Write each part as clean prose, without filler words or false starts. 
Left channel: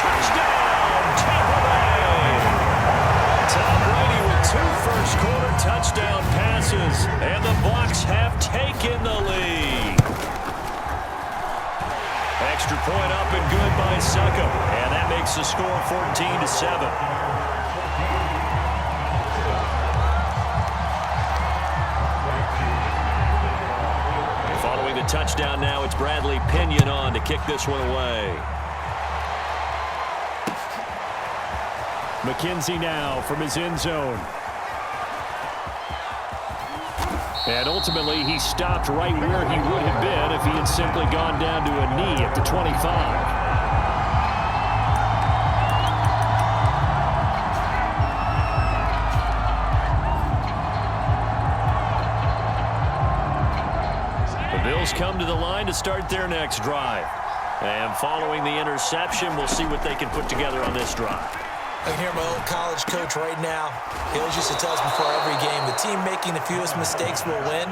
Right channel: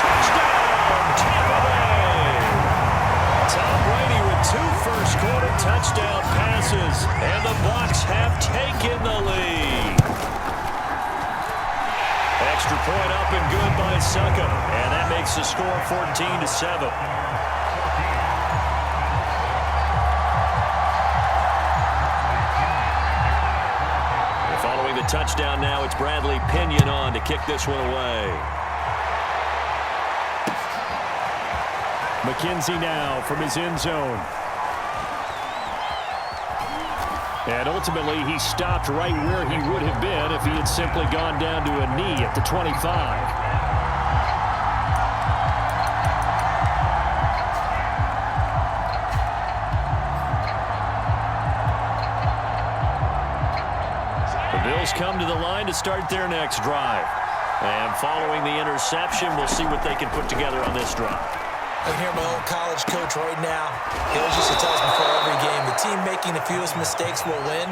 Touchdown, Tampa Bay! Tom Brady with 2 first-quarter touchdown passes, and the Bucs have taken the lead. Extra point up and good by Succop, and that makes the score 14-7. Following the touchdown now, it's Bradley Pinion on to kick this one away. McKenzie now from his end zone. And ultimately, he stopped right where he would have been if he had simply gone down to a knee at the 25. The Bills come to the line to start their next drive. And following the interception, we'll see what they can put together on this drive. I can hear my old college coach right now. He always used to tell us before every game, the team making the fewest mistakes will win.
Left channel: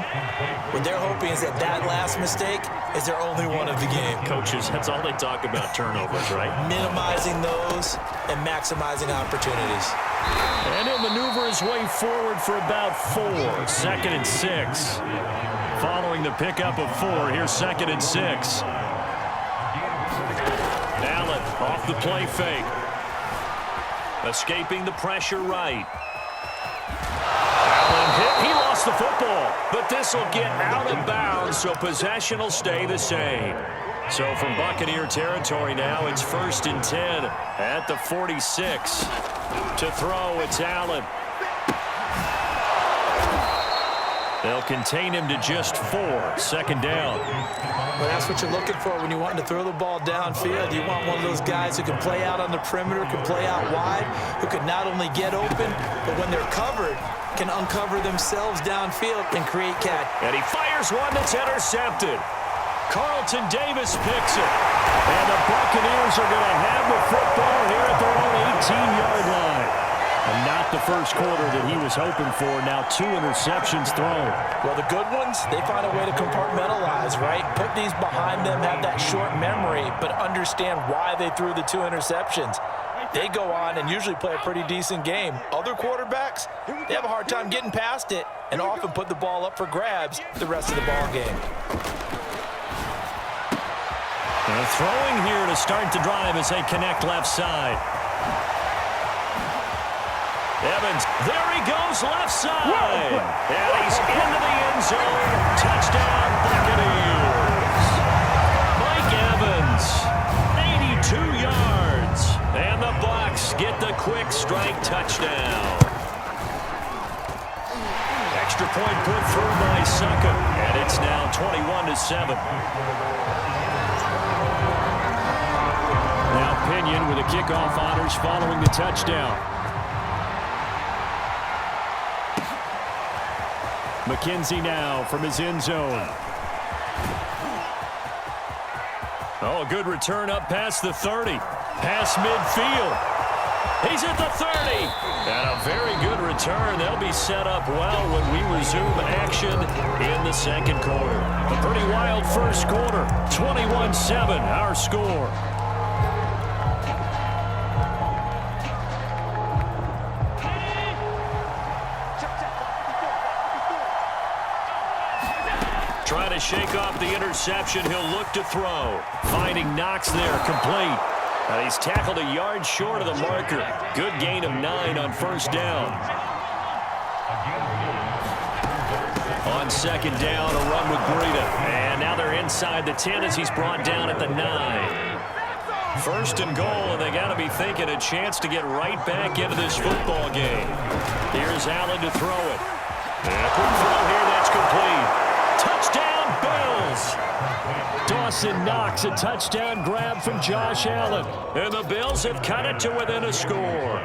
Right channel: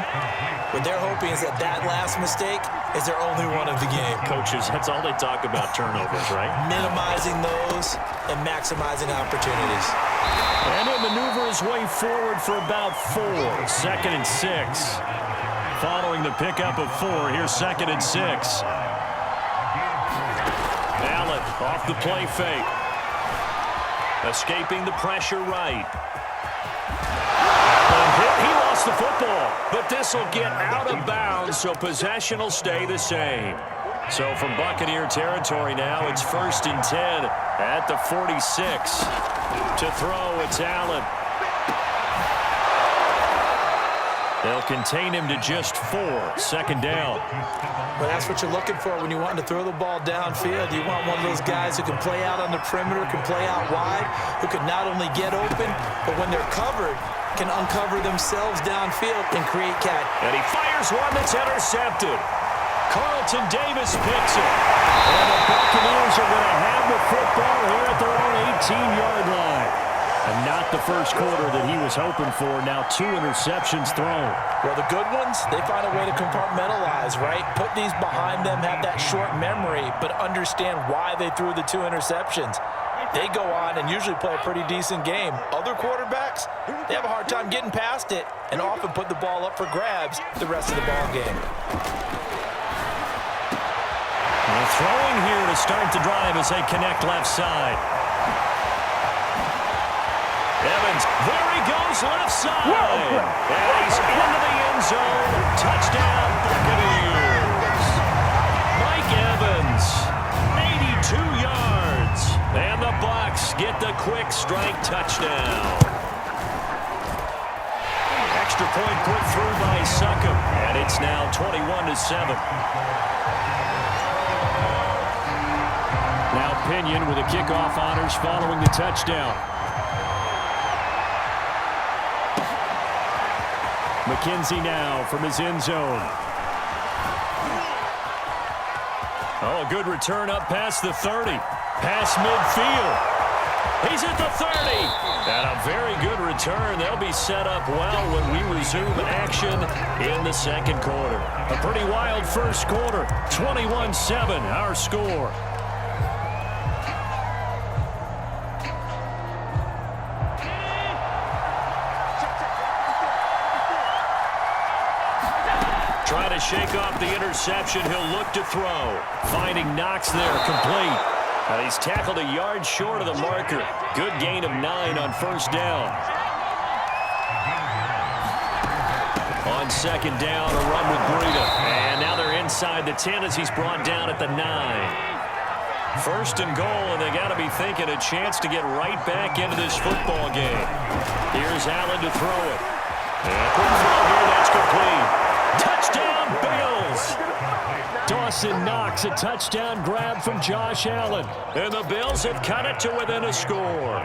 What they're hoping is that last mistake is their only one of the game. Coaches, that's all they talk about, turnovers, right? Minimizing those and maximizing opportunities. And he'll maneuver his way forward for about 4. 2nd and 6. Following the pickup of 4, here's 2nd and 6. Allen off the play fake. Escaping the pressure right. Allen hit. He lost the football. But this will get out of bounds, so possession will stay the same. So from Buccaneer territory now, it's 1st and 10 at the 46. To throw, it's Allen. They'll contain him to just 4. 2nd down. Well, that's what you're looking for when you're wanting to throw the ball downfield. You want one of those guys who can play out on the perimeter, can play out wide, who can not only get open, but when they're covered, can uncover themselves downfield and create catch. And he fires one that's intercepted. Carlton Davis picks it. And the Buccaneers are going to have the football here at their own 18-yard line. And not the first quarter that he was hoping for. Now 2 interceptions thrown. Well, the good ones, they find a way to compartmentalize, right? Put these behind them, have that short memory, but understand why they threw the 2 interceptions. They go on and usually play a pretty decent game. Other quarterbacks, they have a hard time getting past it and often put the ball up for grabs the rest of the ball game. And throwing here to start the drive as they connect left side. Evans, there he goes, left side. And he's into the end zone. Touchdown, Buccaneers. Mike Evans, 82 yards. And the Bucs get the quick strike touchdown. Extra point put through by Succop. And it's now 21-7. Now Pinion with the kickoff honors following the touchdown. McKenzie now from his end zone. Oh, a good return up past the 30. Past midfield. He's at the 30. And a very good return. They'll be set up well when we resume action in the 2nd quarter. A pretty wild first quarter. 21-7, our score. Trying to shake off the interception. He'll look to throw. Finding Knox there, complete. And he's tackled a yard short of the marker. Good gain of 9 on 1st down. On 2nd down, a run with Breida. And now they're inside the 10 as he's brought down at the 9. 1st and goal, and they got to be thinking a chance to get right back into this football game. Here's Allen to throw it. And a quick throw here, that's complete. Touchdown, Bills! Dawson Knox, a touchdown grab from Josh Allen. And the Bills have cut it to within a score.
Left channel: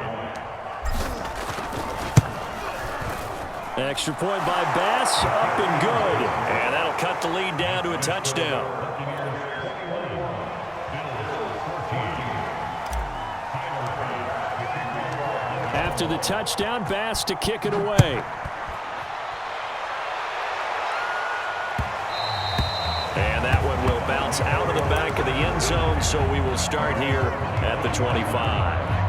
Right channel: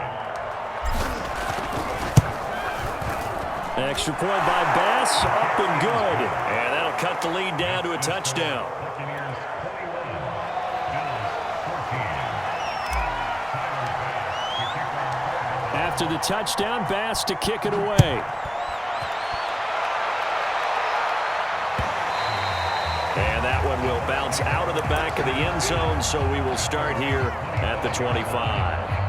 Extra point by Bass, up and good. And that'll cut the lead down to a touchdown. After the touchdown, Bass to kick it away. And that one will bounce out of the back of the end zone, so we will start here at the 25.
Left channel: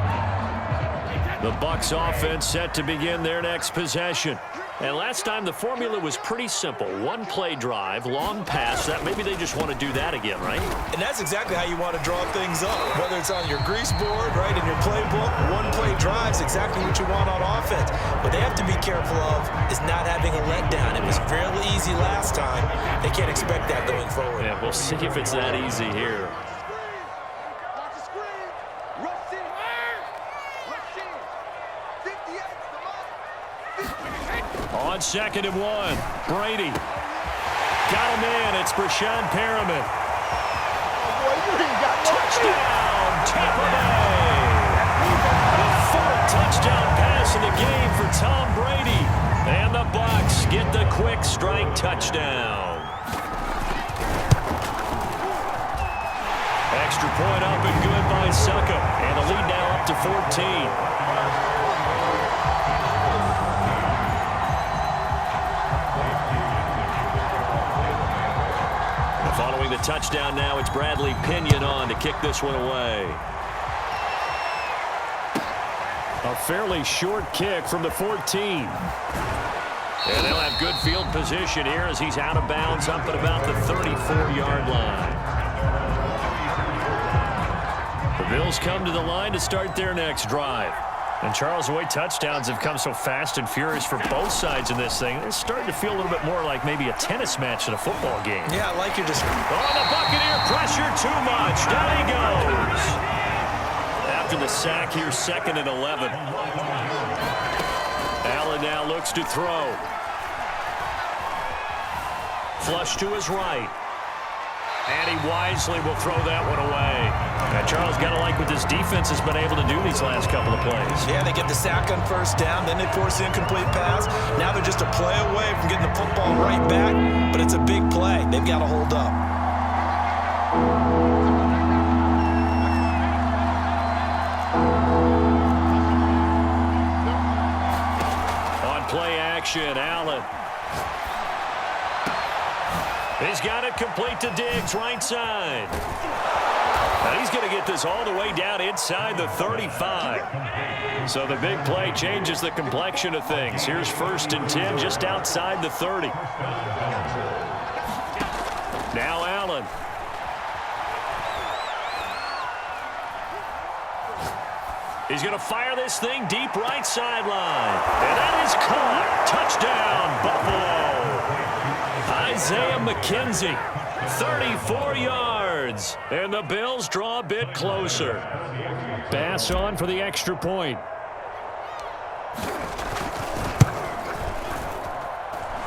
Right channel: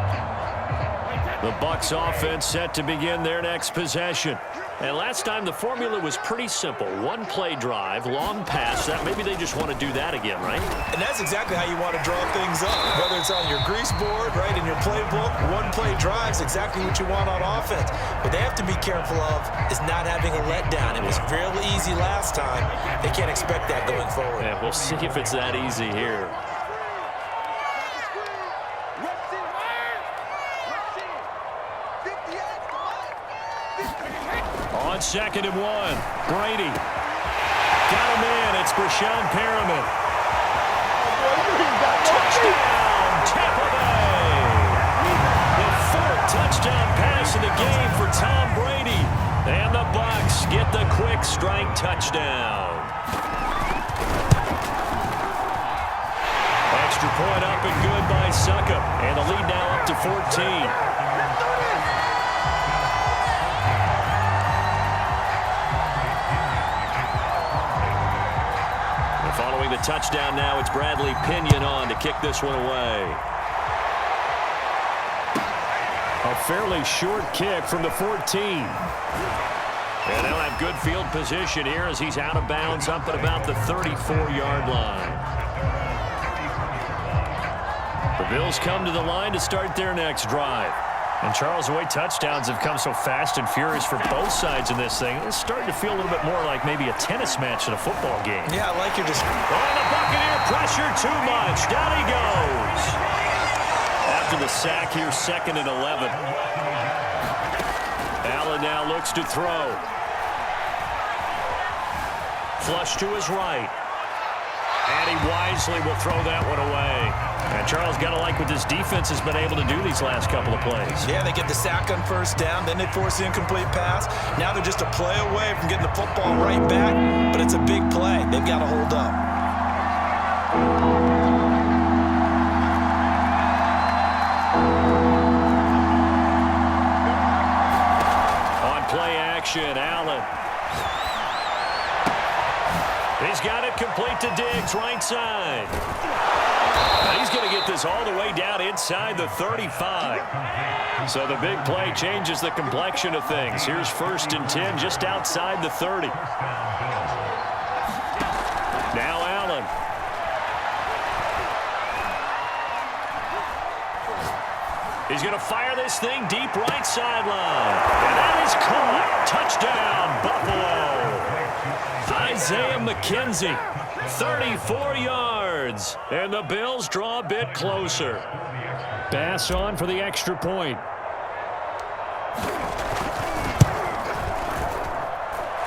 The Bucs offense set to begin their next possession. And last time the formula was pretty simple. One play drive, long pass. That maybe they just want to do that again, right? And that's exactly how you want to draw things up. Whether it's on your grease board, right, in your playbook, one play drive is exactly what you want on offense. What they have to be careful of is not having a letdown. It was fairly easy last time. They can't expect that going forward. Yeah, we'll see if it's that easy here. On 2nd and 1, Brady. Got him in. It's Breshad Perriman. Touchdown, Tampa Bay. The 4th touchdown pass in the game for Tom Brady. And the Bucs get the quick strike touchdown. Extra point up and good by Succop. And the lead now up to 14. Following the touchdown now, it's Bradley Pinion on to kick this one away. A fairly short kick from the 14. And they'll have good field position here as he's out of bounds up at about the 34-yard line. The Bills come to the line to start their next drive. And, Charles, the way touchdowns have come so fast and furious for both sides in this thing, it's starting to feel a little bit more like maybe a tennis match than a football game. Yeah, I like your description. Oh, the Buccaneer pressure too much. Down he goes. After the sack here, 2nd and 11. Allen now looks to throw. Flush to his right. And he wisely will throw that one away. And Charles, got to like what this defense has been able to do these last couple of plays. Yeah, they get the sack on 1st down, then they force the incomplete pass. Now they're just a play away from getting the football right back, but it's a big play. They've got to hold up. On play action, Allen. He's got it complete to Diggs, right side. And he's going to get this all the way down inside the 35. So the big play changes the complexion of things. Here's 1st and 10 just outside the 30. Now Allen. He's going to fire this thing deep right sideline. And that is caught. Touchdown, Buffalo. Isaiah McKenzie, 34 yards. And the Bills draw a bit closer. Bass on for the extra point.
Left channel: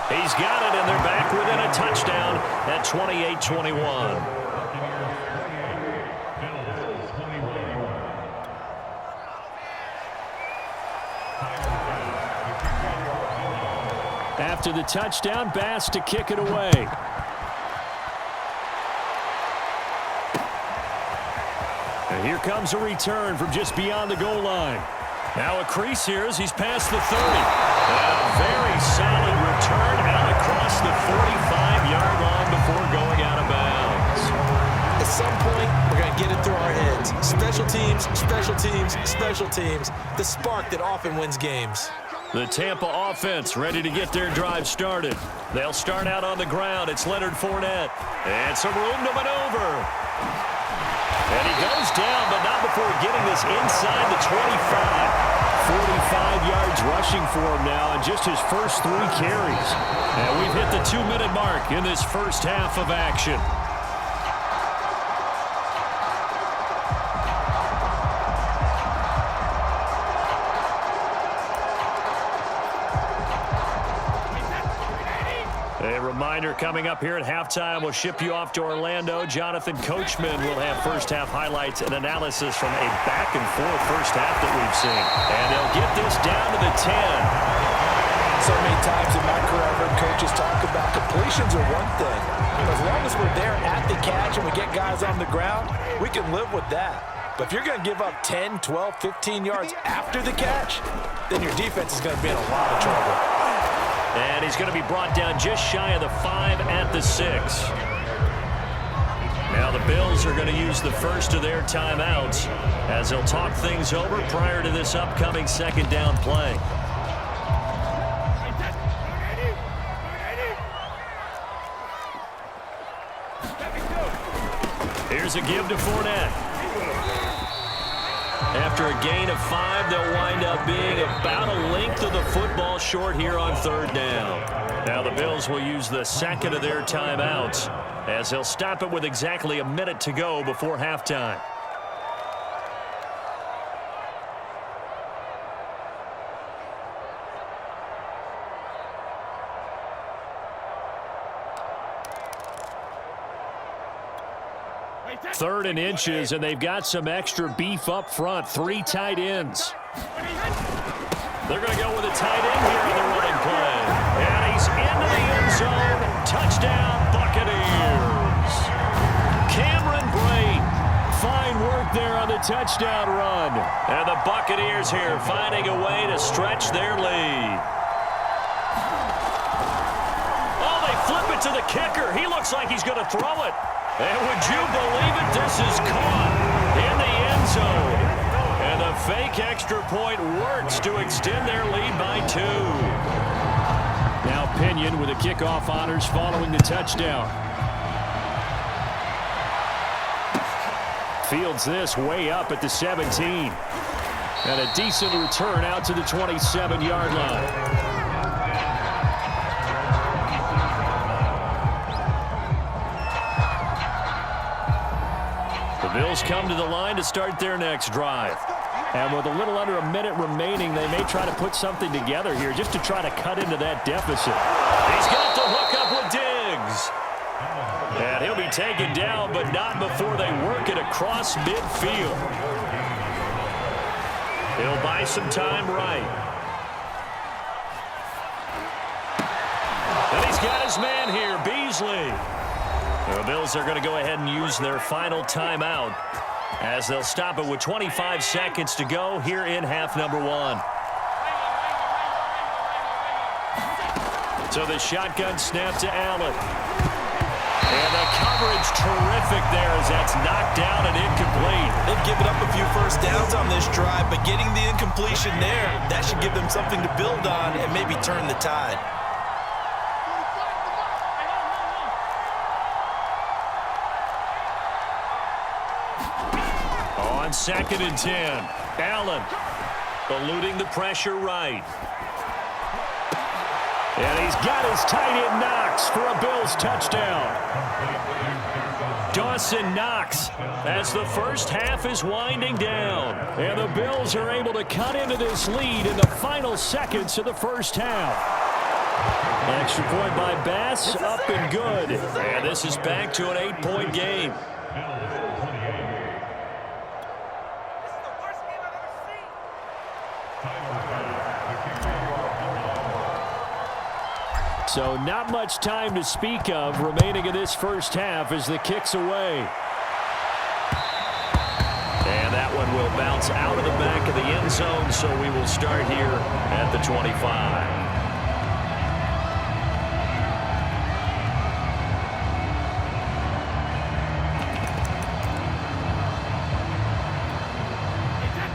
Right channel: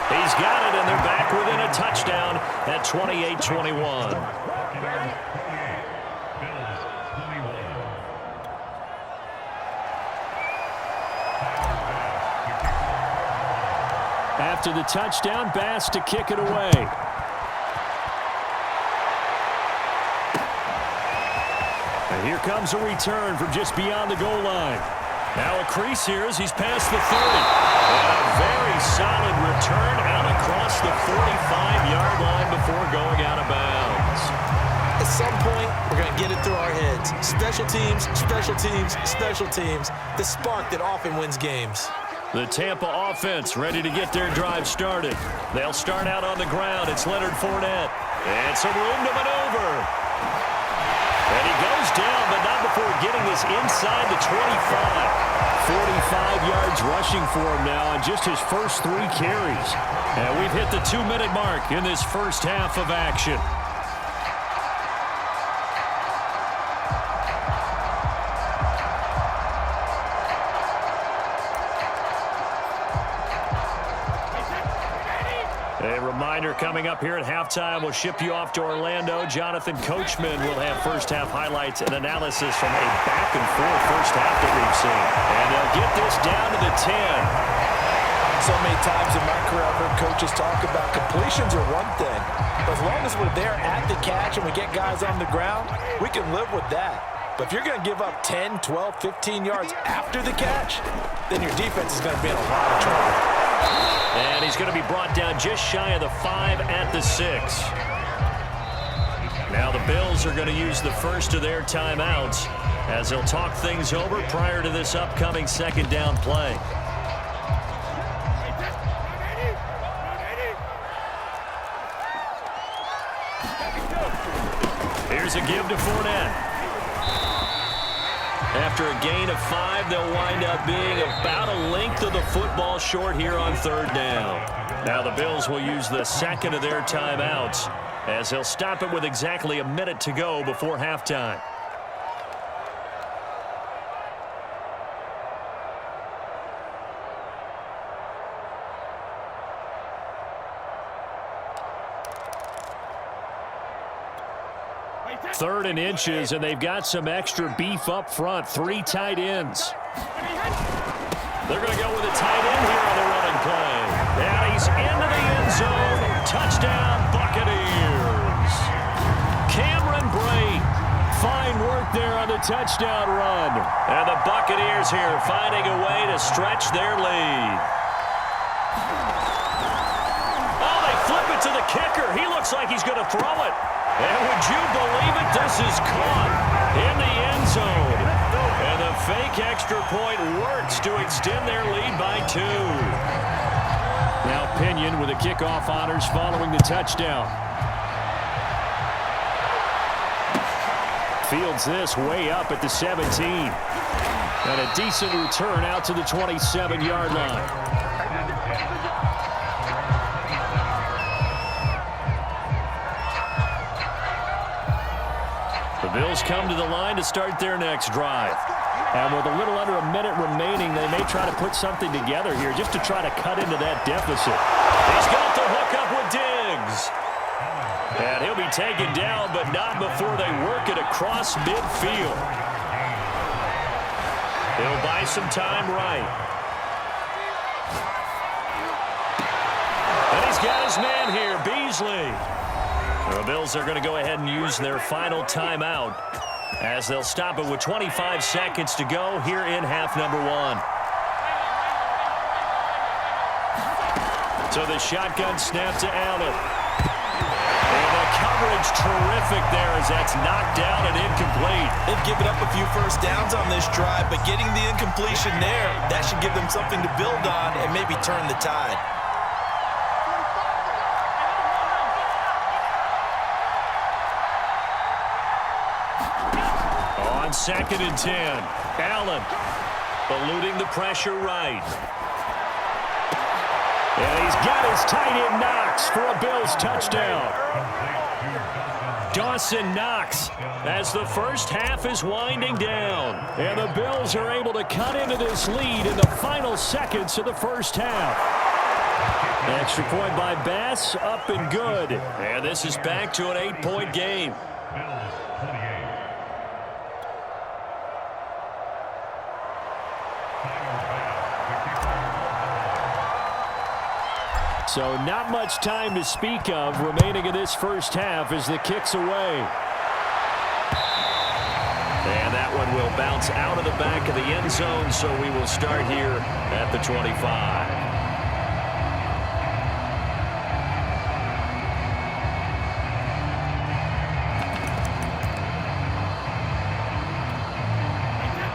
He's got it, and they're back within a touchdown at 28-21. After the touchdown, Bass to kick it away. And here comes a return from just beyond the goal line. Now a crease here as he's past the 30. And a very solid return out across the 45-yard line before going out of bounds. At some point, we're going to get it through our heads. Special teams, special teams, special teams. The spark that often wins games. The Tampa offense ready to get their drive started. They'll start out on the ground. It's Leonard Fournette. And some room to maneuver. And he goes down, but not before getting this inside the 25. 45 yards rushing for him now on just his first 3 carries. And we've hit the 2-minute mark in this first half of action. A reminder coming up here at halftime. We'll ship you off to Orlando. Jonathan Coachman will have first-half highlights and analysis from a back-and-forth first half that we've seen. And they'll get this down to the 10. So many times in my career, I've heard coaches talk about completions are one thing. But as long as we're there at the catch and we get guys on the ground, we can live with that. But if you're going to give up 10, 12, 15 yards after the catch, then your defense is going to be in a lot of trouble. And he's going to be brought down just shy of the 5 at the 6. Now the Bills are going to use the first of their timeouts as they'll talk things over prior to this upcoming second down play. Here's a give to Fournette. After a gain of 5, they'll wind up being about a length of the football short here on third down. Now the Bills will use the second of their timeouts as they'll stop it with exactly a minute to go before halftime. Third and inches, and they've got some extra beef up front. 3 tight ends. They're going to go with a tight end here on the running play. And he's into the end zone. Touchdown, Buccaneers. Cameron Brate. Fine work there on the touchdown run. And the Buccaneers here finding a way to stretch their lead. Oh, they flip it to the kicker. He looks like he's going to throw it. And would you believe it? This is caught in the end zone. And the fake extra point works to extend their lead by 2. Now Pinion with the kickoff honors following the touchdown. Fields this way up at the 17. And a decent return out to the 27-yard line. The Bills come to the line to start their next drive. And with a little under a minute remaining, they may try to put something together here just to try to cut into that deficit. He's got the hook up with Diggs. And he'll be taken down, but not before they work it across midfield. He'll buy some time right. And he's got his man here, Beasley. The Bills are going to go ahead and use their final timeout as they'll stop it with 25 seconds to go here in half number 1. So the shotgun snap to Allen. And the coverage terrific there as that's knocked down and incomplete. They've given up a few first downs on this drive, but getting the incompletion there, that should give them something to build on and maybe turn the tide. On 2nd and 10, Allen eluding the pressure right. And he's got his tight end Knox for a Bills touchdown. Dawson Knox as the first half is winding down. And the Bills are able to cut into this lead in the final seconds of the first half. Extra point by Bass, up and good. And this is back to an 8-point game. So not much time to speak of remaining in this first half as the kick's away. And that one will bounce out of the back of the end zone, so we will start here at the 25.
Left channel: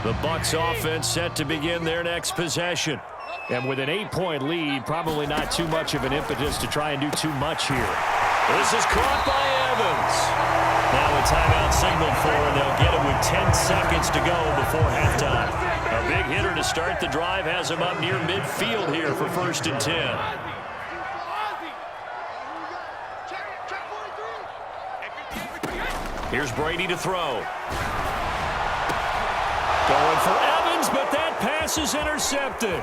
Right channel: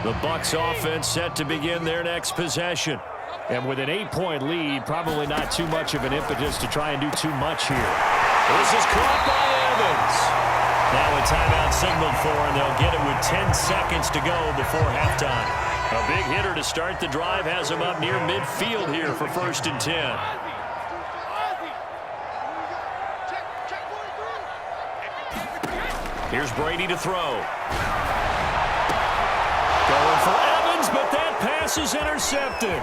The Bucs offense set to begin their next possession. And with an 8-point lead, probably not too much of an impetus to try and do too much here. This is caught by Evans. Now a timeout signaled for, and they'll get it with 10 seconds to go before halftime. A big hitter to start the drive has him up near midfield here for 1st and 10. Here's Brady to throw. Going for Evans, but that pass is intercepted.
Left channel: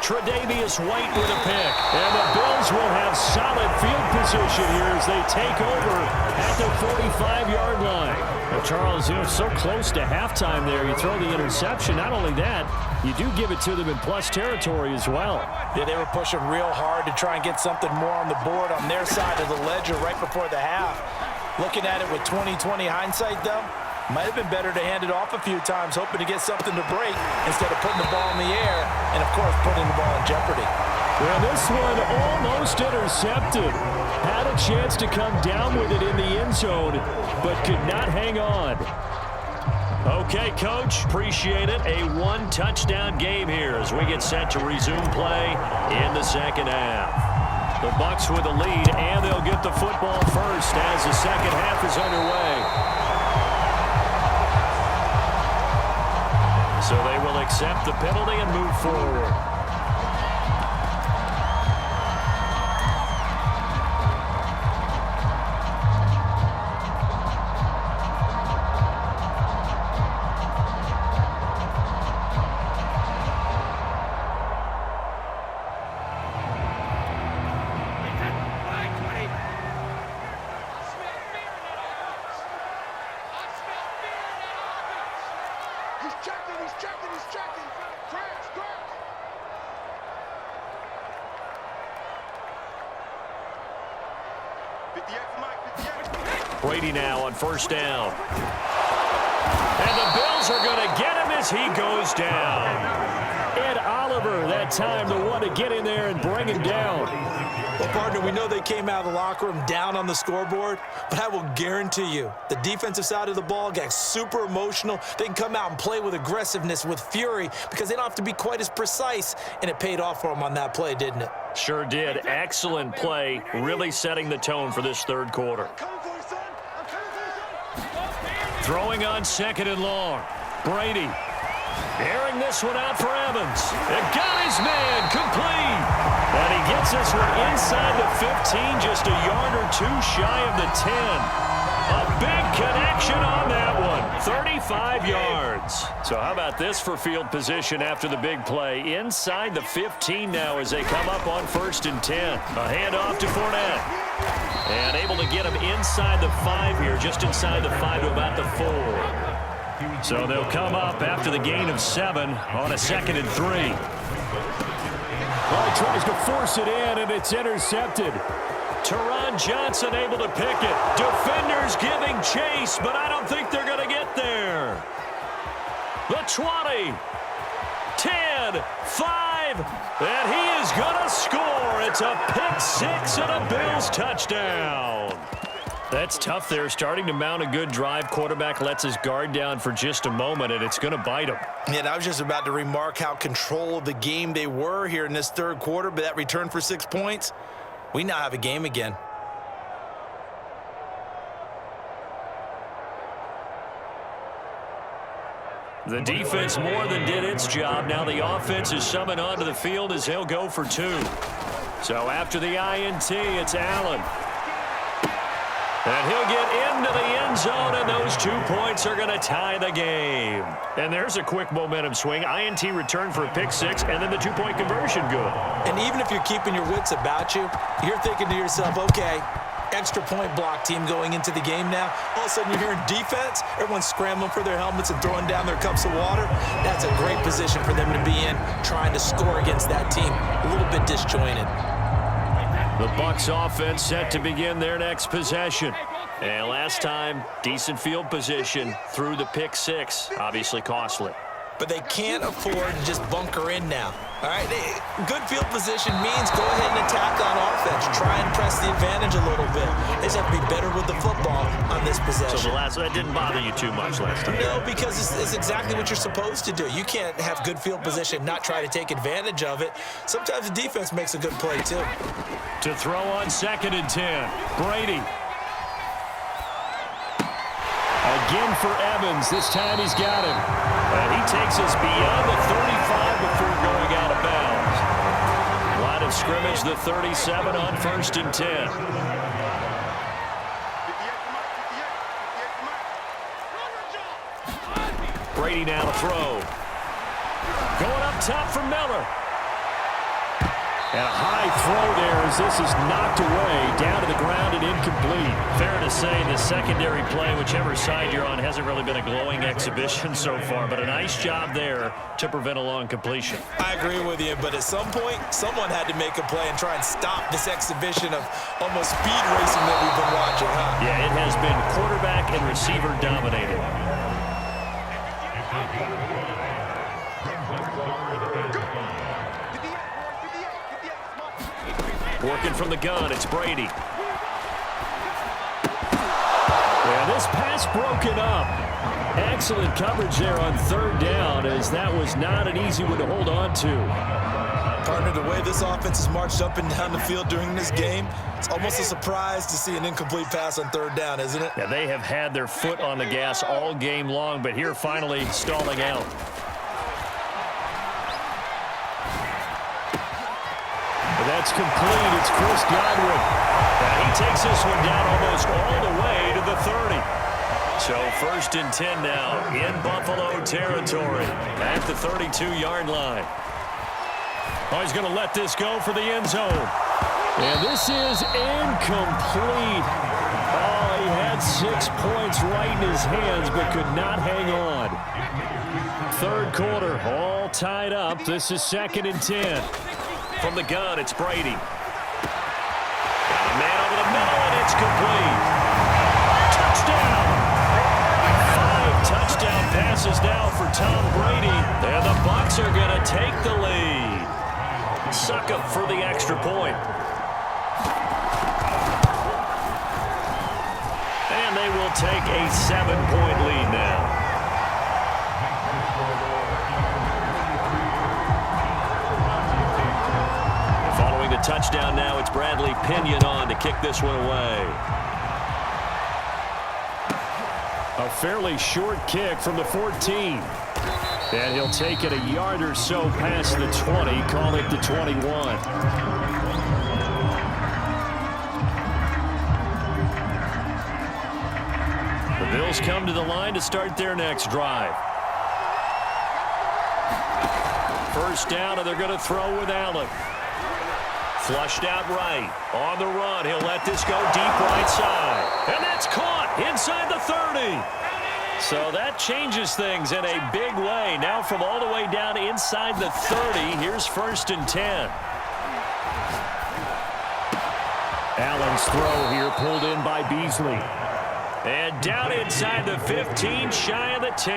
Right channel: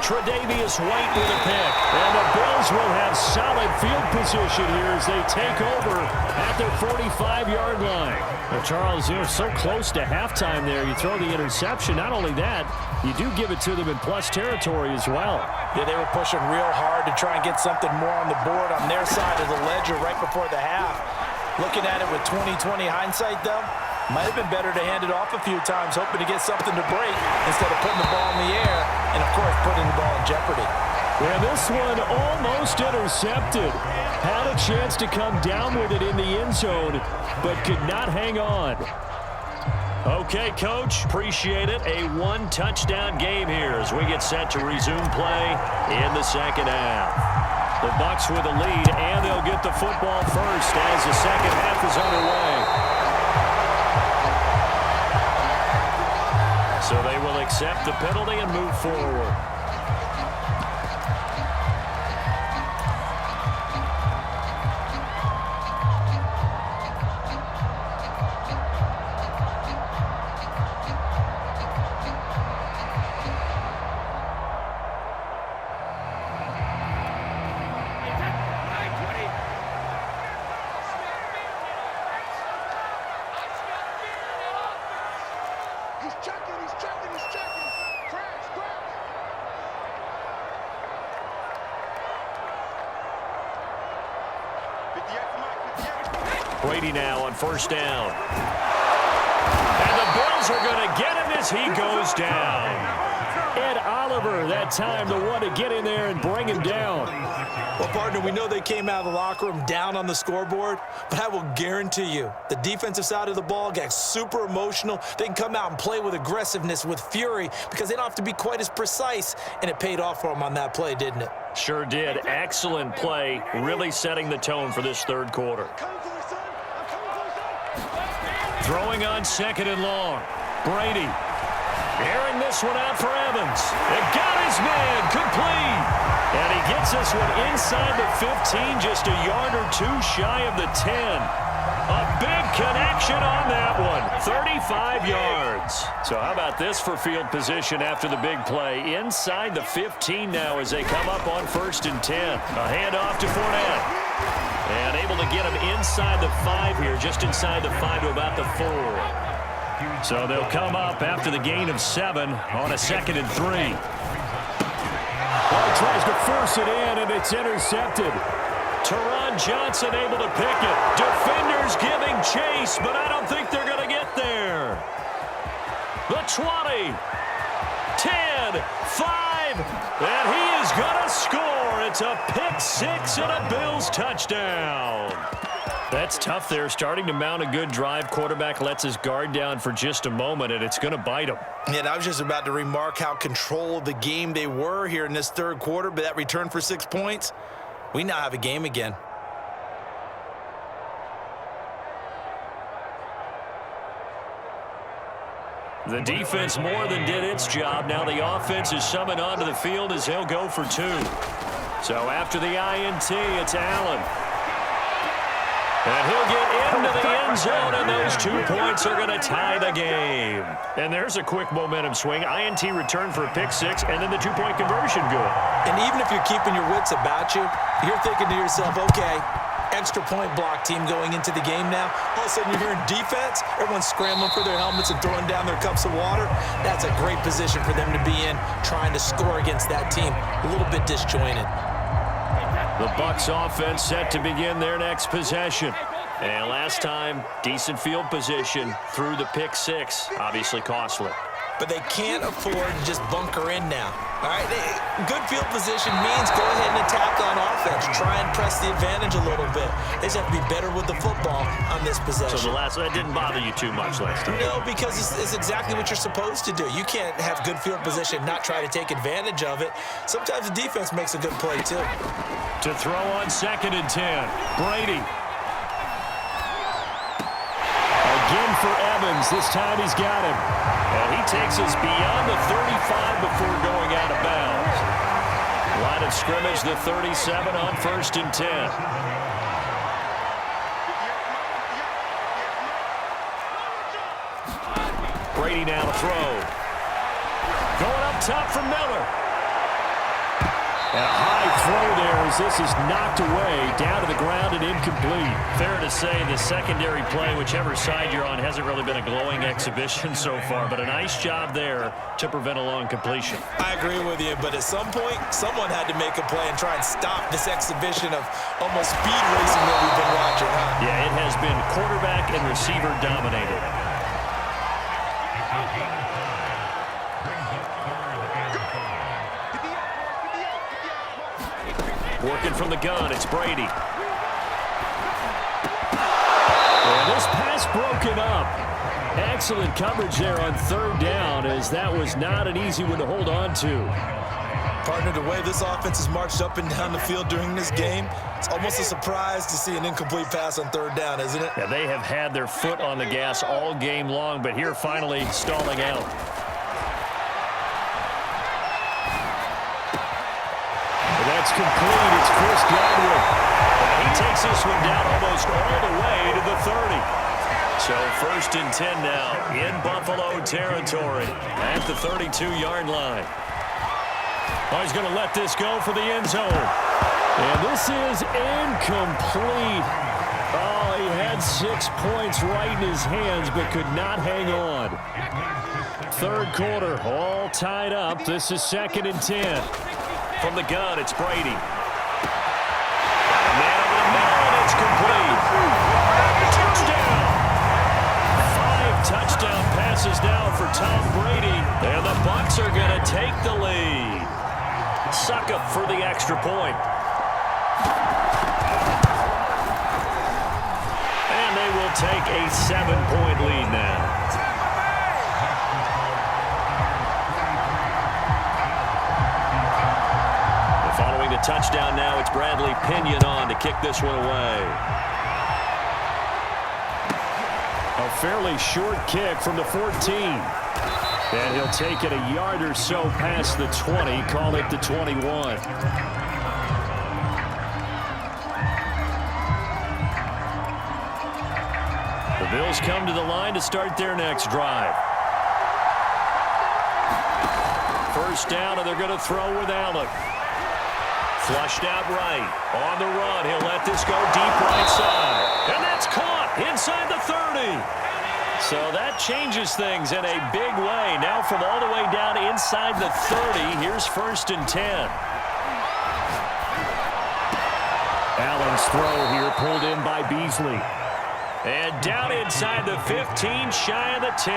Tre'Davious White with a pick. And the Bills will have solid field position here as they take over at the 45-yard line. Well, Charles, you're so close to halftime there. You throw the interception. Not only that, you do give it to them in plus territory as well. Yeah, they were pushing real hard to try and get something more on the board on their side of the ledger right before the half. Looking at it with 20/20 hindsight, though, might have been better to hand it off a few times, hoping to get something to break instead of putting the ball in the air and, of course, putting the ball in jeopardy. Yeah, this one almost intercepted. Had a chance to come down with it in the end zone, but could not hang on. Okay, Coach, appreciate it. A one-touchdown game here as we get set to resume play in the second half. The Bucs with the lead, and they'll get the football first as the second half is underway. So they will accept the penalty and move forward. Brady now on first down. And the Bills are going to get him as he goes down. Ed Oliver, that time, the one to get in there and bring him down. Well, partner, we know they came out of the locker room down on the scoreboard, but I will guarantee you the defensive side of the ball got super emotional. They can come out and play with aggressiveness, with fury, because they don't have to be quite as precise, and it paid off for them on that play, didn't it? Sure did. Excellent play, really setting the tone for this third quarter. Throwing on second and long. Brady airing this one out for Evans. It got his man complete. And he gets this one inside the 15, just a yard or two shy of the 10. A big connection on that one. 35 yards. So how about this for field position after the big play? Inside the 15 now as they come up on first and 10. A handoff to Fournette. And able to get him inside the 5 here, just inside the 5 to about the 4. So they'll come up after the gain of 7 on a 2nd and 3. Well, he tries to force it in, and it's intercepted. Teron Johnson able to pick it. Defenders giving chase, but I don't think they're going to get there. The 20, 10, 5, and he is going to score. It's a pick 6 and a Bills touchdown. That's tough there, starting to mount a good drive. Quarterback lets his guard down for just a moment, and it's going to bite him. Yeah, I was just about to remark how controlled the game they were here in this third quarter, but that return for 6 points, we now have a game again. The defense more than did its job. Now the offense is summoned onto the field as they'll go for 2. So after the INT, it's Allen. And he'll get into the end zone, and those 2 points are going to tie the game. And there's a quick momentum swing. INT return for a pick 6, and then the 2-point conversion good. And even if you're keeping your wits about you, you're thinking to yourself, okay, extra point block team going into the game now. All of a sudden you're hearing defense. Everyone's scrambling for their helmets and throwing down their cups of water. That's a great position for them to be in, trying to score against that team. A little bit disjointed. The Bucs offense set to begin their next possession. And last time, decent field position through the pick 6. Obviously costly. But they can't afford to just bunker in now. All right, good field position means go ahead and attack on offense. Try and press the advantage a little bit. They just have to be better with the football on this possession. So that didn't bother you too much last time? No, because it's exactly what you're supposed to do. You can't have good field position, not try to take advantage of it. Sometimes the defense makes a good play, too. To throw on 2nd and 10, Brady. Again for Evans. This time he's got him. And he takes us beyond the 35 before going out of bounds. Line of scrimmage, the 37 on 1st and 10. Brady now to throw. Going up top for Miller. And a high throw there as this is knocked away, down to the ground and incomplete. Fair to say the secondary play, whichever side you're on, hasn't really been a glowing exhibition so far, but a nice job there to prevent a long completion. I agree with you, but at some point, someone had to make a play and try and stop this exhibition of almost speed racing that we've been watching, huh? Yeah, it has been quarterback and receiver dominated. Working from the gun, it's Brady. And this pass broken up. Excellent coverage there on third down, as that was not an easy one to hold on to. Partner, the way this offense has marched up and down the field during this game, it's almost a surprise to see an incomplete pass on third down, isn't it? Yeah, they have had their foot on the gas all game long, but here finally stalling out. But that's complete. It's Chris Godwin. And he takes this one down almost all the way to the 30. So 1st and 10 now in Buffalo territory at the 32-yard line. Oh, he's going to let this go for the end zone. And this is incomplete. Oh, he had 6 points right in his hands but could not hang on. Third quarter, all tied up. This is 2nd and 10. From the gun, it's Brady. Got a man over the middle, and it's complete. Touchdown! 5 touchdown passes now for Tom Brady. And the Bucs are going to take the lead. Succop for the extra point. And they will take a 7-point lead now. Following the touchdown now, it's Bradley Pinion on to kick this one away. A fairly short kick from the 14. And he'll take it a yard or so past the 20, call it the 21. The Bills come to the line to start their next drive. First down, and they're going to throw with Allen. Flushed out right. On the run, he'll let this go deep right side. And that's caught inside the 30. So that changes things in a big way. Now from all the way down inside the 30, here's 1st and 10. Allen's throw here pulled in by Beasley. And down inside the 15, shy of the 10.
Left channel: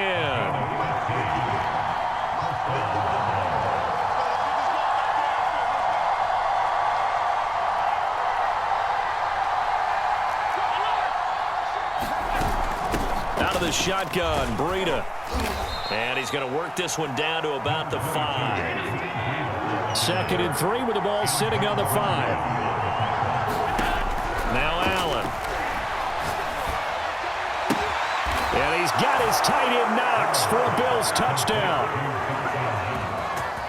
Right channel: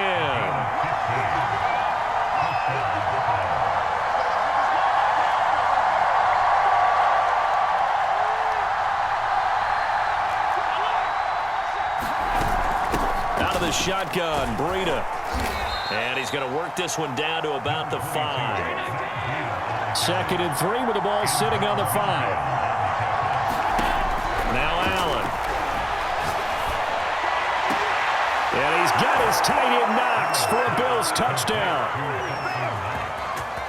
Out of the shotgun, Breida. And he's going to work this one down to about the 5. 2nd and 3 with the ball sitting on the 5. Now Allen. And he's got his tight end Knox for a Bills touchdown.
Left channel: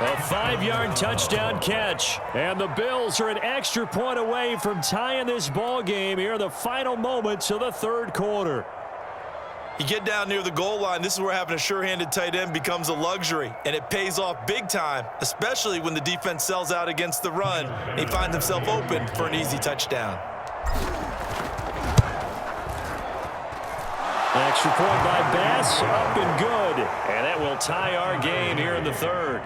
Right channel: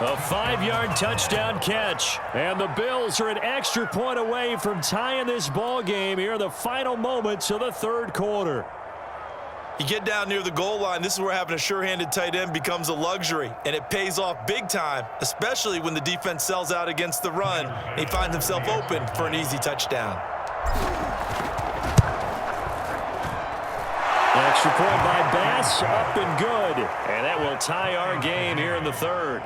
A 5-yard touchdown catch. And the Bills are an extra point away from tying this ball game here in the final moments of the third quarter. You get down near the goal line, this is where having a sure-handed tight end becomes a luxury, and it pays off big time, especially when the defense sells out against the run and he finds himself open for an easy touchdown. Extra point by Bass, up and good. And that will tie our game here in the third.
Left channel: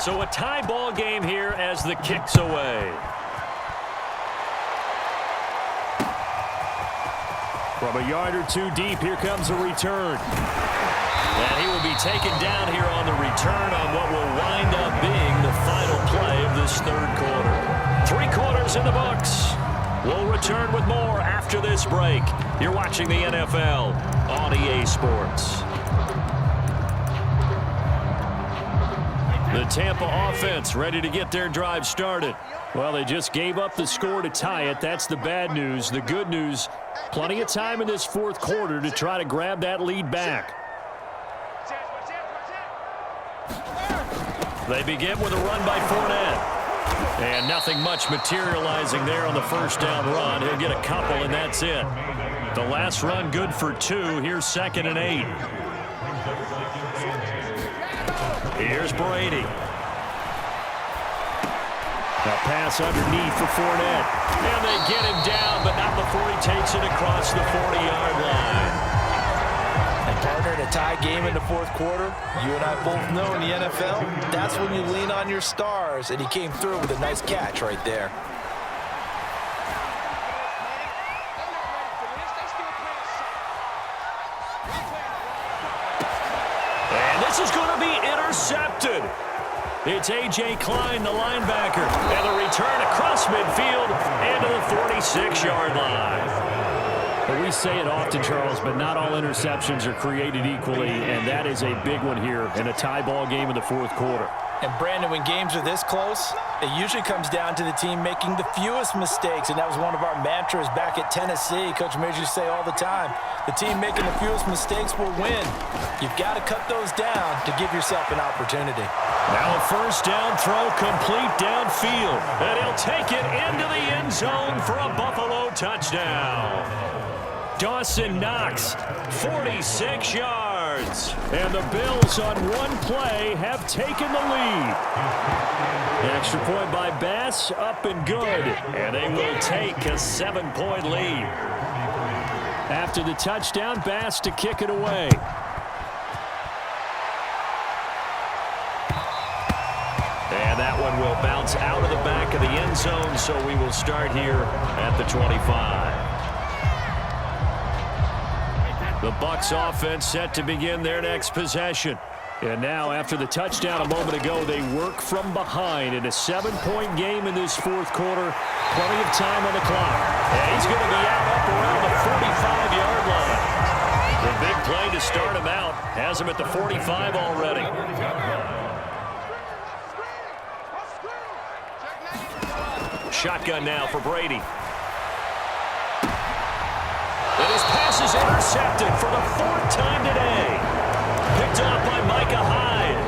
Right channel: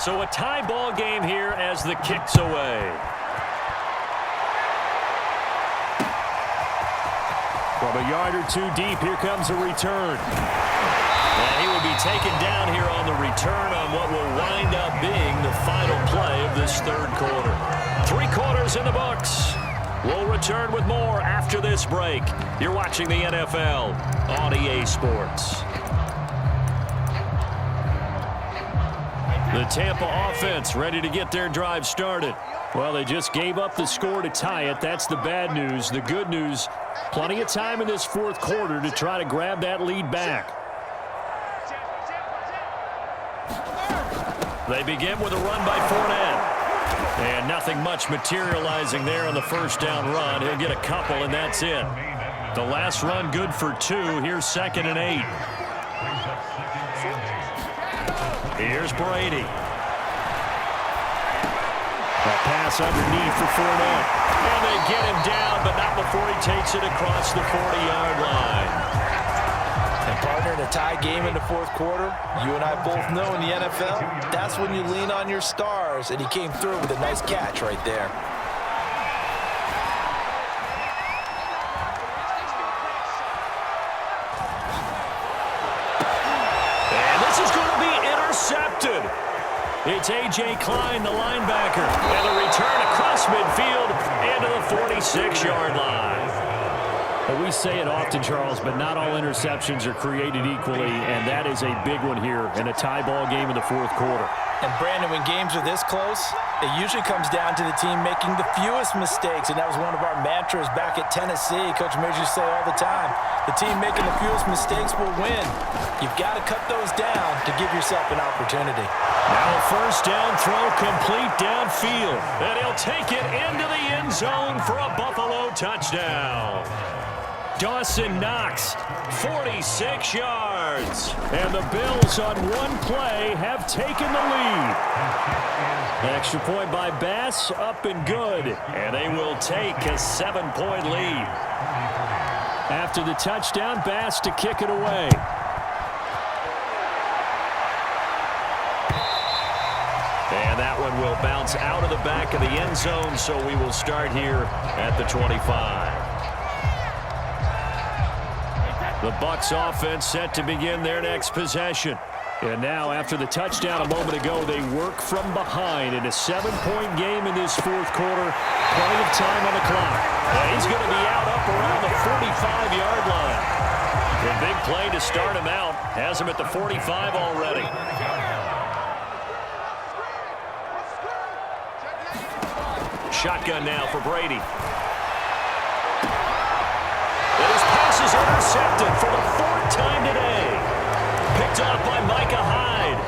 So a tie ball game here as the kick's away. From a yard or two deep, here comes a return. And he will be taken down here on the return on what will wind up being the final play of this third quarter. 3 quarters in the books. We'll return with more after this break. You're watching the NFL on EA Sports. The Tampa offense ready to get their drive started. Well, they just gave up the score to tie it. That's the bad news. The good news, plenty of time in this fourth quarter to try to grab that lead back. They begin with a run by Fournette. And nothing much materializing there on the first down run. He'll get a couple, and that's it. The last run good for 2. Here's 2nd and 8. Here's Brady. A pass underneath for Fournette. And they get him down, but not before he takes it across the 40-yard line. And partner, in a tie game in the fourth quarter, you and I both know in the NFL, that's when you lean on your stars, and he came through with a nice catch right there. intercepted. It's A.J. Klein, the linebacker, and the return across midfield and to the 46-yard line. Well, we say it often, Charles, but not all interceptions are created equally, and that is a big one here in a tie ball game in the fourth quarter. And, Brandon, when games are this close, it usually comes down to the team making the fewest mistakes, and that was one of our mantras back at Tennessee. Coach Major used to say all the time, the team making the fewest mistakes will win. You've got to cut those down to give yourself an opportunity. Now a first down throw complete downfield, and he'll take it into the end zone for a Buffalo touchdown. Dawson Knox, 46 yards. And the Bills on one play have taken the lead. Extra point by Bass, up and good. And they will take a 7-point lead. After the touchdown, Bass to kick it away. And that one will bounce out of the back of the end zone, so we will start here at the 25. The Bucs offense set to begin their next possession. And now, after the touchdown a moment ago, they work from behind in a 7-point game in this fourth quarter. Plenty of time on the clock. And he's going to be out up around the 45-yard line. A big play to start him out. Has him at the 45 already. Shotgun now for Brady. And his pass is intercepted for the 4th time today. Picked off by Micah Hyde.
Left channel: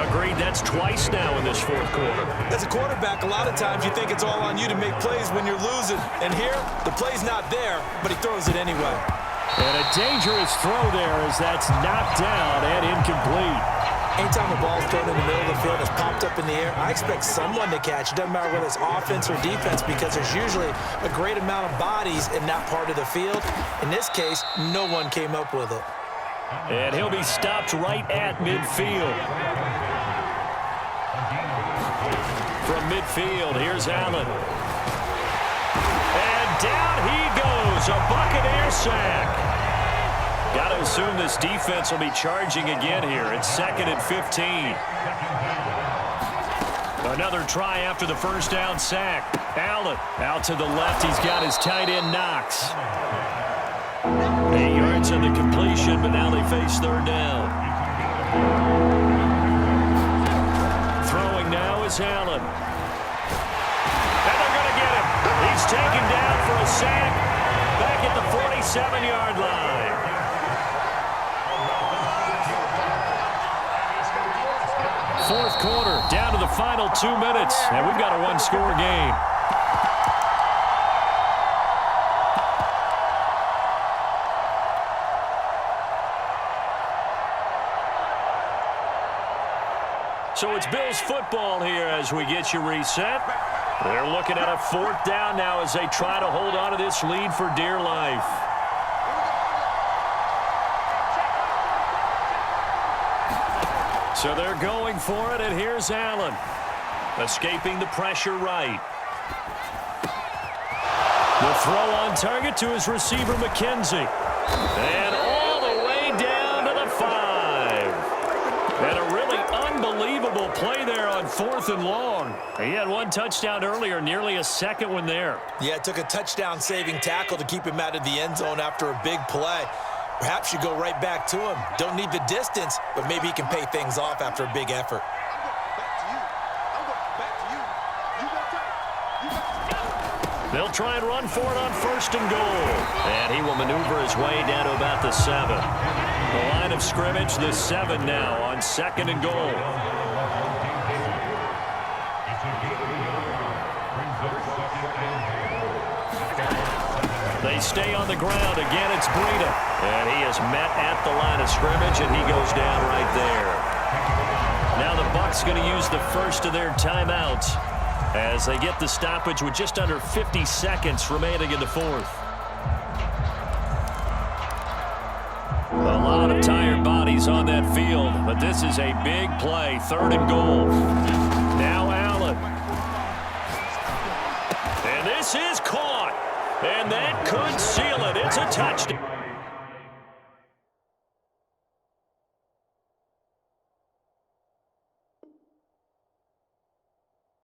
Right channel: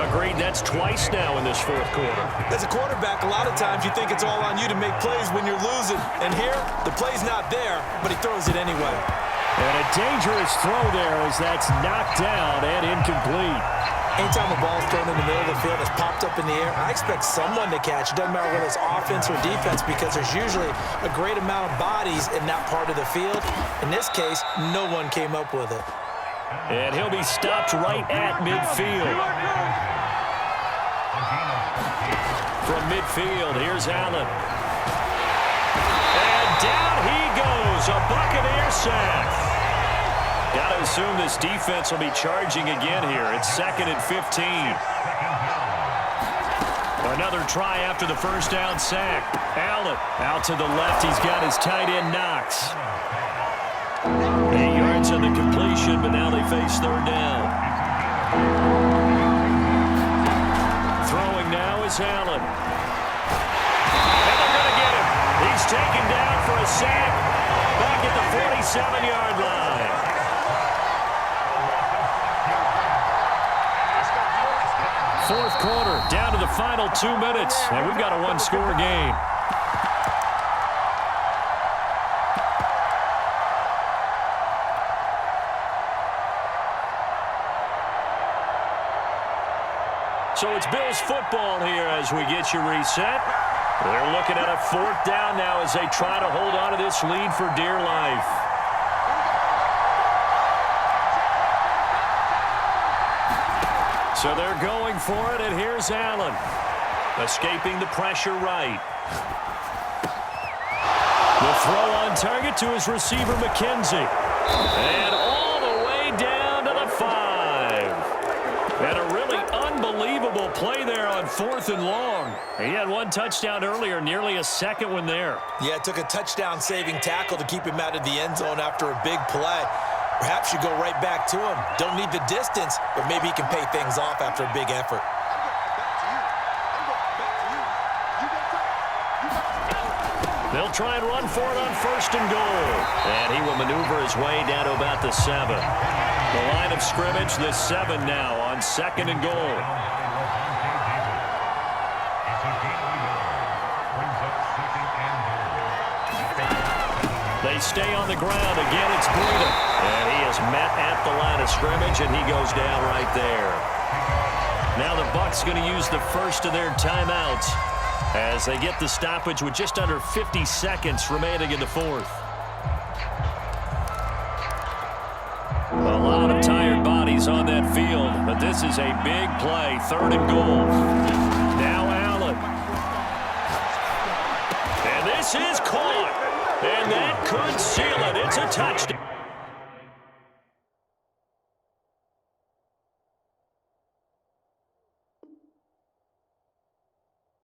Agreed, that's twice now in this fourth quarter. As a quarterback, a lot of times you think it's all on you to make plays when you're losing. And here, the play's not there, but he throws it anyway. And a dangerous throw there as that's knocked down and incomplete. Anytime a ball's thrown in the middle of the field that's popped up in the air, I expect someone to catch. It doesn't matter whether it's offense or defense because there's usually a great amount of bodies in that part of the field. In this case, no one came up with it. And he'll be stopped right at midfield. From midfield, here's Allen. And down he goes, a Buccaneer sack. Got to assume this defense will be charging again here. It's 2nd and 15. Another try after the first down sack. Allen out to the left. He's got his tight end Knox. 8 yards on the completion, but now they face 3rd down. Throwing now is Allen. And they're going to get him. He's taken down for a sack back at the 47-yard line. Fourth quarter, down to the final 2 minutes, and we've got a one-score game. So it's Bills football here as we get you reset. They're looking at a 4th down now as they try to hold on to this lead for dear life. So they're going for it, and here's Allen. Escaping the pressure right. The throw on target to his receiver, McKenzie. And all the way down to the 5. And a really unbelievable play there on 4th and long. He had one touchdown earlier, nearly a second one there. Yeah, it took a touchdown-saving tackle to keep him out of the end zone after a big play. Perhaps you go right back to him. Don't need the distance, but maybe he can pay things off after a big effort. They'll try and run for it on 1st and goal. And he will maneuver his way down to about the 7. The line of scrimmage, the 7 now on 2nd and goal. They stay on the ground. Again, it's Breida. And he is met at the line of scrimmage, and he goes down right there. Now the Bucs going to use the first of their timeouts as they get the stoppage with just under 50 seconds remaining in the fourth. A lot of tired bodies on that field, but this is a big play. 3rd and goal. Now Allen. And this is caught. And that could seal it. It's a touchdown.